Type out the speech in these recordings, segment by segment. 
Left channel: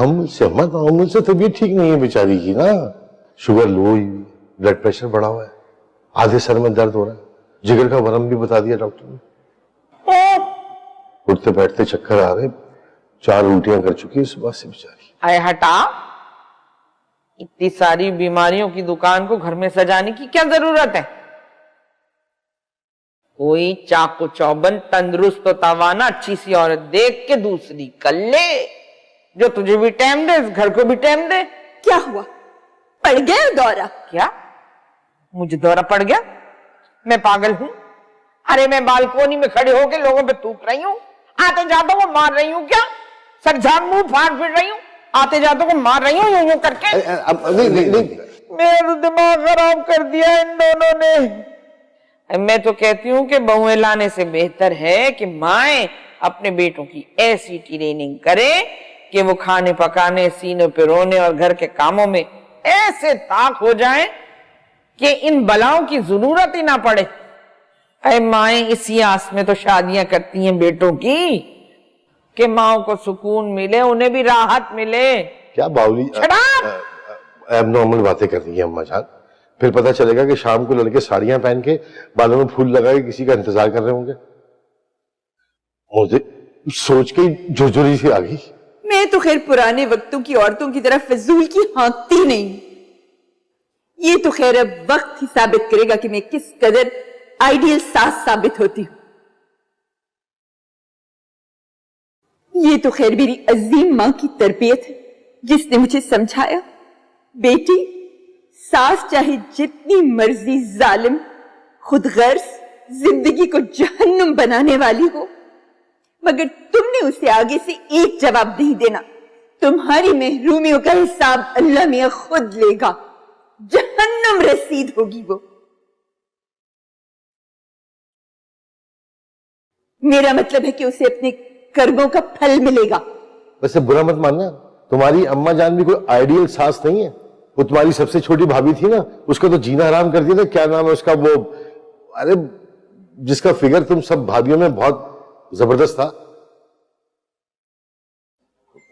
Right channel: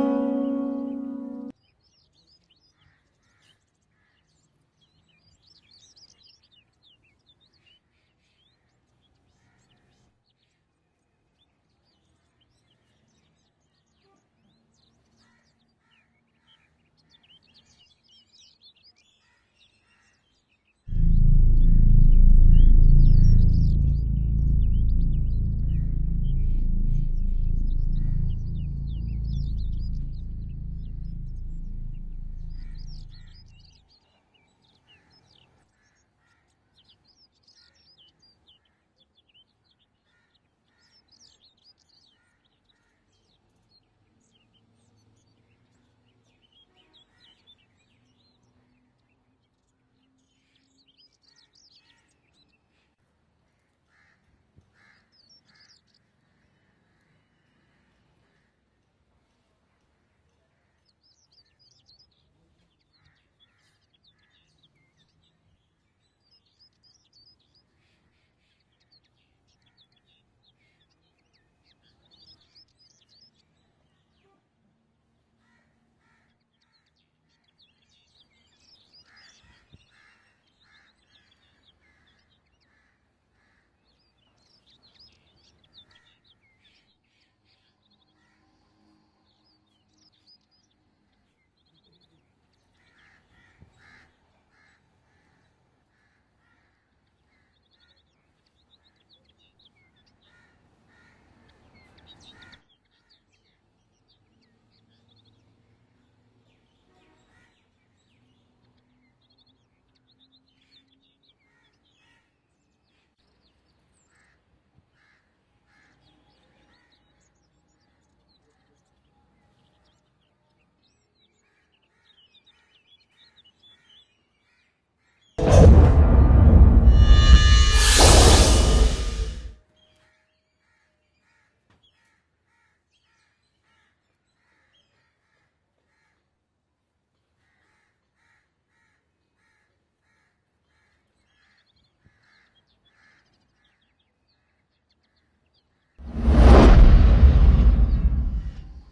तामुल से अम्मा, तामुल से तबीयत ठीक नहीं है बेचारी की ना। शुगर लो हुई, ब्लड प्रेशर बढ़ा हुआ है, आधे सर में दर्द हो रहा है, जिगर का वरम भी बता दिया डॉक्टर ने। उठते बैठते चक्कर आ रहे, 4 उल्टियां कर चुकी है सुबह से बेचारी। आए हटा, इतनी सारी बीमारियों की दुकान को घर में सजाने की क्या जरूरत है? कोई चाको चौबंद तंदुरुस्त तो तवाना अच्छी सी औरत देख के दूसरी कर ले, जो तुझे भी टाइम दे, इस घर को भी टाइम दे। क्या हुआ, पड़ गया दौरा? क्या मुझे दौरा पड़ गया? मैं पागल हूं? अरे मैं बालकोनी में खड़े होके लोगों पे थूक रही हूँ, आते जातों को मार रही हूँ क्या? सर झाड़ मुंह फाड़ फिर रही हूँ, आते जातों को मार रही हूँ यूं करके। नहीं। मेरा तो दिमाग खराब कर दिया इन दोनों ने। मैं तो कहती हूँ कि बहुएं लाने से बेहतर है कि माएं अपने बेटों की ऐसी ट्रेनिंग करें कि वो खाने पकाने, सीने पे रोने और घर के कामों में ऐसे ताक हो जाएं कि इन बलाओं की जरूरत ही ना पड़े। अरे माएं इसी आस में तो शादियां करती हैं बेटों की कि माओं को सुकून मिले, उन्हें भी राहत मिले। क्या बावली एबनॉर्मल बातें कर रही है अम्मा जान। फिर पता चलेगा कि शाम को लड़के साड़ियां पहन के बालों में फूल लगा के किसी का इंतजार कर रहे होंगे। मुझे सोच के झुरझुरी सी आ गई। मैं तो खैर पुराने वक्तों की औरतों की तरह फिजूल की हाँकती नहीं। ये तो खैर अब वक्त ही साबित करेगा कि मैं किस कदर आइडियल सास साबित होती हूँ। ये तो खैर मेरी अजीम मां की तरबियत है, जिसने मुझे समझाया, बेटी सास चाहे जितनी मर्जी जालिम, खुदगर्ज, जिंदगी को जहन्नुम बनाने वाली हो, मगर तुमने उसे आगे से एक जवाब नहीं देना। तुम्हारी महरूमियों का हिसाब अल्लाह मियां खुद लेगा। जहन्नुम रसीद होगी वो। मेरा मतलब है कि उसे अपने कर्मों का फल मिलेगा। वैसे बुरा मत मानना, तुम्हारी अम्मा जान भी कोई आइडियल सास नहीं है। वो तुम्हारी सबसे छोटी भाभी थी ना, उसका तो जीना हराम कर दिया था। क्या नाम है उसका, वो अरे जिसका फिगर तुम सब भाभीयों में बहुत जबरदस्त था।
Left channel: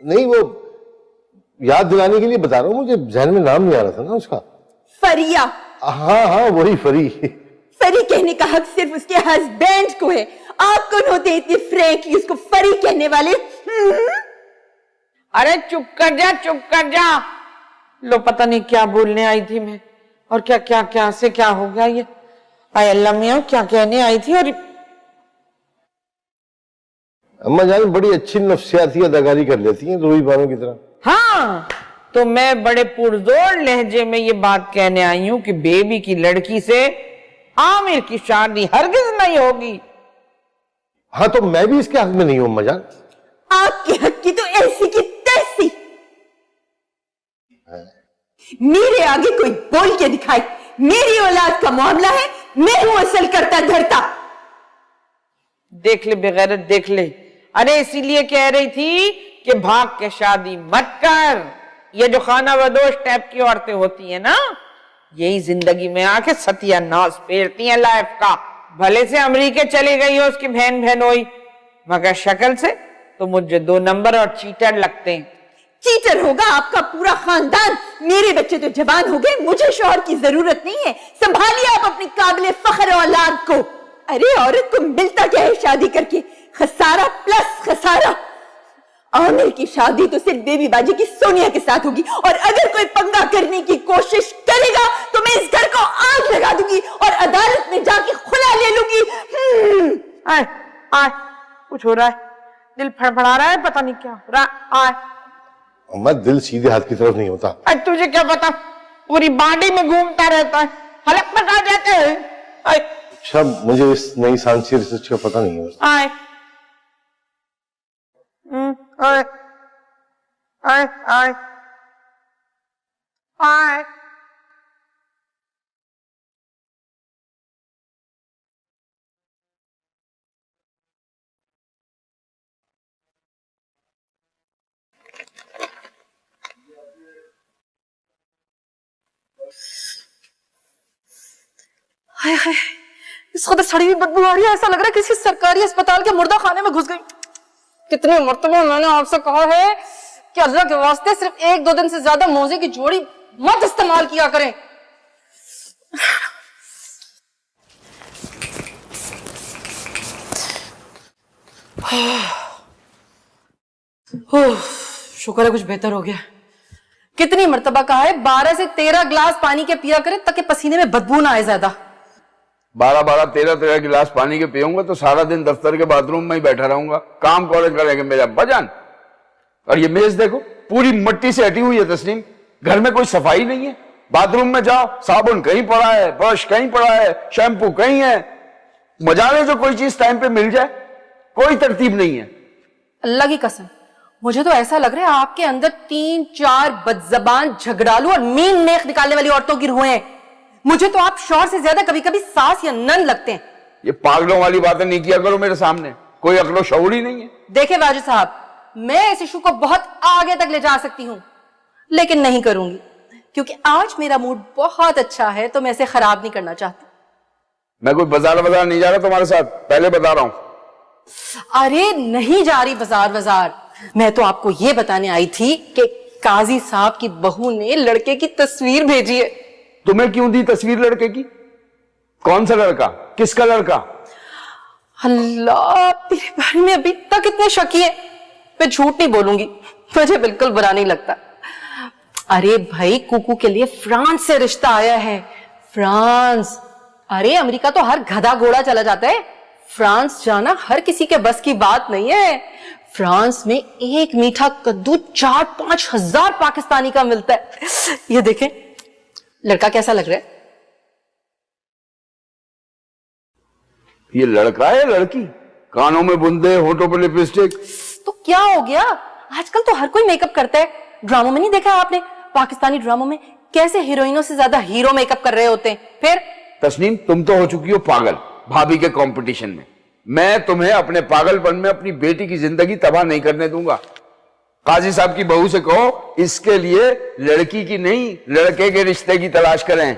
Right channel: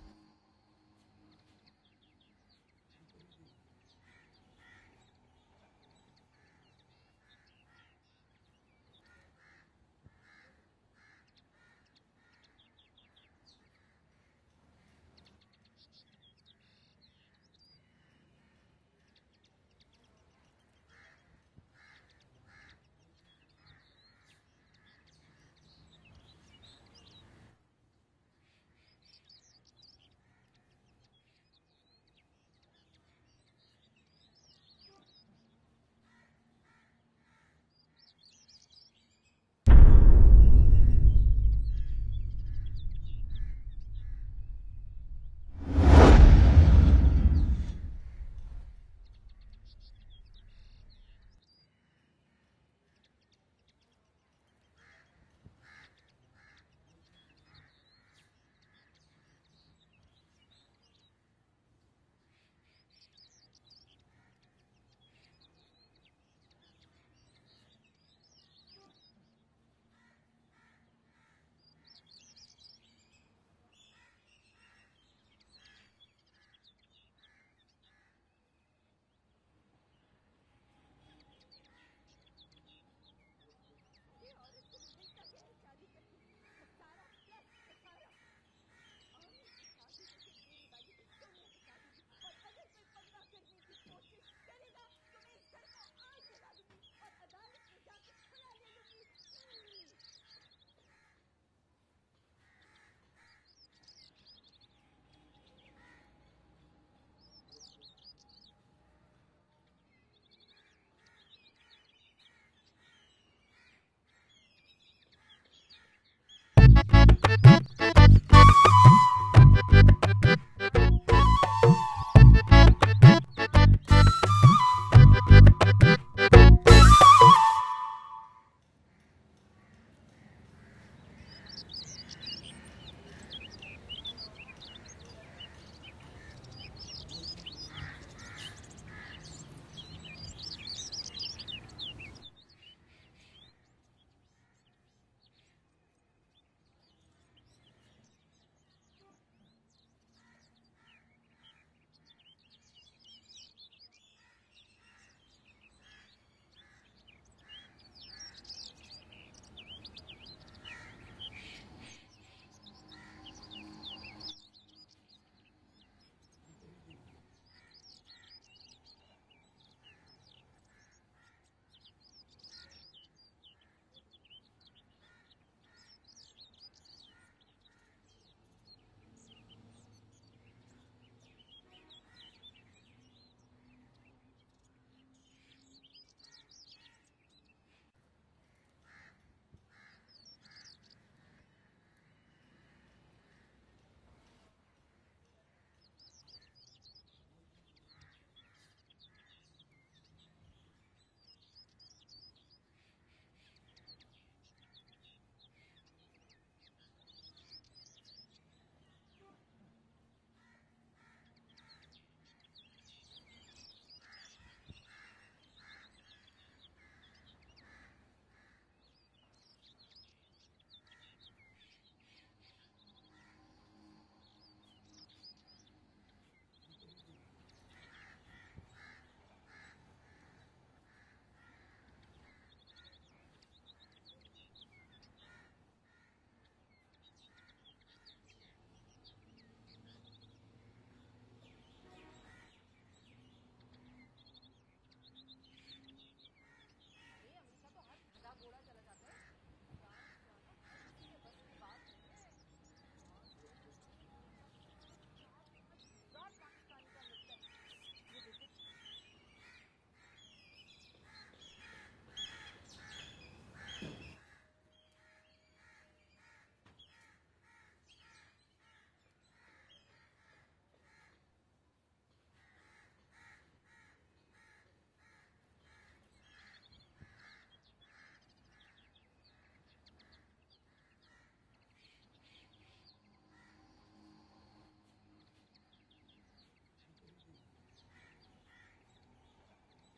नहीं, वो याद दिलाने के लिए बता रहा हूं, मुझे जहन में नाम नहीं आ रहा था ना उसका। फरिया। हाँ वही फरी। फरी कहने का हक सिर्फ उसके हस्बैंड को है। आप कौन होते इतने फ्रैंकली उसको फरी कहने वाले? अरे चुप कर जा, चुप कर जा। लो पता नहीं क्या बोलने आई थी मैं, और क्या क्या क्या से क्या हो गया ये। आय अल्लाह मियां, क्या कहने आई थी? और अम्मा जान बड़ी अच्छी नफ्सियाती अदाकारी कर लेती हैं, रूही बानो की तरह। हाँ, तो मैं बड़े पुरजोर लहजे में ये बात कहने आई हूं कि बेबी की लड़की से आमिर की शादी हरगिज नहीं होगी। हाँ, तो मैं भी इसके हक में नहीं हूं अम्मा जान। आपके हक की तो ऐसी की तैसी। मेरे आगे कोई बोल के दिखाए, मेरी औलाद का मामला है, मैं हूं असल करता धरता। देख ले बेगैरत, देख ले। अरे इसीलिए कह रही थी कि भाग के शादी मत कर। ये जो खाना बदोश टाइप की औरतें होती है ना, यही जिंदगी में आके सत्यानाश फेरती हैं लाइफ का। भले से अमेरिका चली गई हो उसकी बहन बहनोई, मगर शक्ल से तो मुझे 2 नंबर और चीटर लगते हैं। चीटर होगा आपका पूरा खानदान। मेरे बच्चे तो जवान हो गए, मुझे शौहर की जरूरत नहीं है। संभालिए आप अपनी काबिले फख्र औलाद को। अरे औरत को मिलता क्या है शादी करके? खसारा प्लस खसारा। आमिर की शादी तो सिर्फ बेबी बाजी की सोनिया के साथ होगी, और अगर कोई पंगा करने की कोशिश करेगा तो मैं इस घर को आग लगा दूंगी और अदालत में जाके खुला ले लूंगी। आए आए, कुछ हो रहा है, दिल फड़फड़ा रहा है, पता नहीं क्या हो रहा है। आए अम्मा, दिल सीधे हाथ की तरफ नहीं होता। अरे तुझे क्या पता, पूरी बॉडी में घूमता रहता है, हलक में आ जाते हैं। अच्छा, मुझे इस नई साइंसी रिसर्च का पता नहीं है। आए आए आए आए आए। हाय हाय, इस कदर सड़ी हुई बदबू आ रही है, ऐसा लग रहा है किसी सरकारी अस्पताल के मुर्दा खाने में घुस गई। कितने मर्तबा मैंने आपसे कहा है कि अल्लाह के वास्ते सिर्फ 1-2 दिन से ज्यादा मोजे की जोड़ी मत इस्तेमाल किया करें। शुक्र है कुछ बेहतर हो गया। कितनी मर्तबा कहा है 12 से 13 गिलास पानी के पिया करें ताकि पसीने में बदबू ना आए ज्यादा। 13 गिलास पानी के पीऊंगा तो सारा दिन दफ्तर के बाथरूम में ही बैठा रहूंगा। काम कौन करेंगे मेरे अब्बा जान। और ये मेज देखो पूरी मिट्टी से हटी हुई है तस्लीम। घर में कोई सफाई नहीं है। बाथरूम में जाओ साबुन कहीं पड़ा है, ब्रश कहीं पड़ा है, शैम्पू कहीं है। मजा ले जो कोई चीज टाइम पे मिल जाए, कोई तरतीब नहीं है। अल्लाह की कसम मुझे तो ऐसा लग रहा है आपके अंदर 3-4 बदजबान झगड़ालू और मीन नेक निकालने वाली औरतों की रूहें हैं। मुझे तो आप शौहर से ज्यादा कभी कभी सास या नन लगते हैं। ये पागलों वाली बातें नहीं किया करो मेरे सामने, कोई अक्लो शऊर ही नहीं है। देखिए वाजिद साहब, मैं इस इशू को बहुत आगे तक ले जा सकती हूँ लेकिन नहीं करूंगी क्योंकि आज मेरा मूड बहुत अच्छा है तो मैं इसे खराब नहीं करना चाहती। मैं कोई बाजार नहीं जा रहा तुम्हारे साथ, पहले बता रहा हूं। अरे नहीं जा रही बाजार, मैं तो आपको ये बताने आई थी कि काजी साहब की बहू ने लड़के की तस्वीर भेजी है। तुम्हें क्यों दी तस्वीर लड़के की? कौन सा लड़का, किसका लड़का? अल्लाह तेरे बारे में अभी तक इतने शकी है। मैं झूठ नहीं बोलूंगी, मुझे बिल्कुल बुरा नहीं लगता। अरे भाई कुकू के लिए फ्रांस से रिश्ता आया है। फ्रांस, अरे अमेरिका तो हर गधा घोड़ा चला जाता है, फ्रांस जाना हर किसी के बस की बात नहीं है। फ्रांस में एक मीठा कद्दू 4-5 हजार पाकिस्तानी का मिलता है। ये देखें लड़का कैसा लग रहा है? ये लड़का है लड़की? कानों में बुंदे, होठों पर लिपस्टिक। तो क्या हो गया, आजकल तो हर कोई मेकअप करता है। ड्रामों में नहीं देखा आपने, पाकिस्तानी ड्रामों में कैसे हीरोइनों से ज्यादा हीरो मेकअप कर रहे होते हैं। फिर तस्नीम तुम तो हो चुकी हो पागल भाभी के कंपटीशन में। मैं तुम्हें अपने पागलपन में अपनी बेटी की जिंदगी तबाह नहीं करने दूंगा। काजी साहब की बहू से कहो इसके लिए लड़की की नहीं लड़के के रिश्ते की तलाश करें।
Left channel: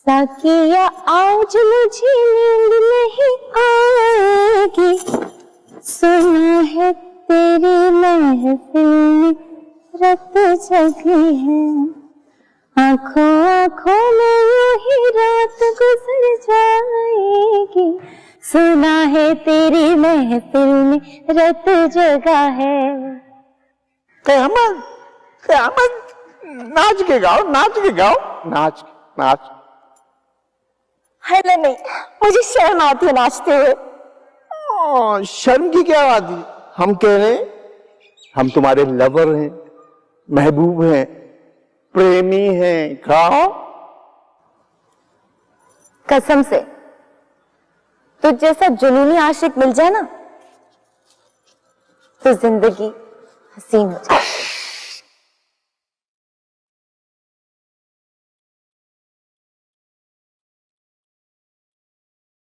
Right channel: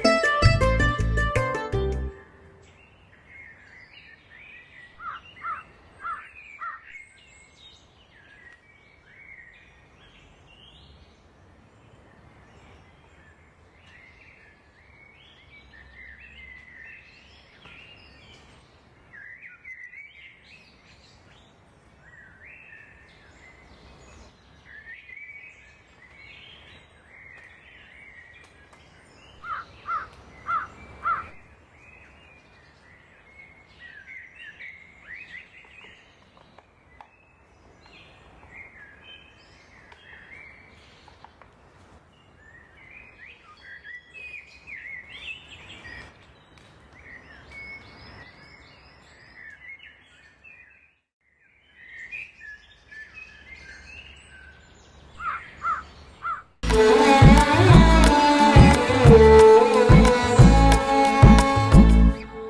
ताकिया आज मुझे नींद नहीं आएगी, सुना है तेरी महफिल में रत जगी है, आंखों आंखों में यूं ही रात गुजर जाएगी, सुना है तेरी महफिल में रत जगा है। कयामत कयामत, नाच के गाओ, नाच के गाओ, नाच नाच। है नहीं, मुझे शर्म आती है नाचते हुए। शर्म की क्या बात है? हम कह रहे हैं हम तुम्हारे लवर हैं, महबूब हैं, प्रेमी हैं। गाओ। कसम से तो जैसा जुनूनी आशिक मिल जाए ना तो जिंदगी हसीन हो जाए।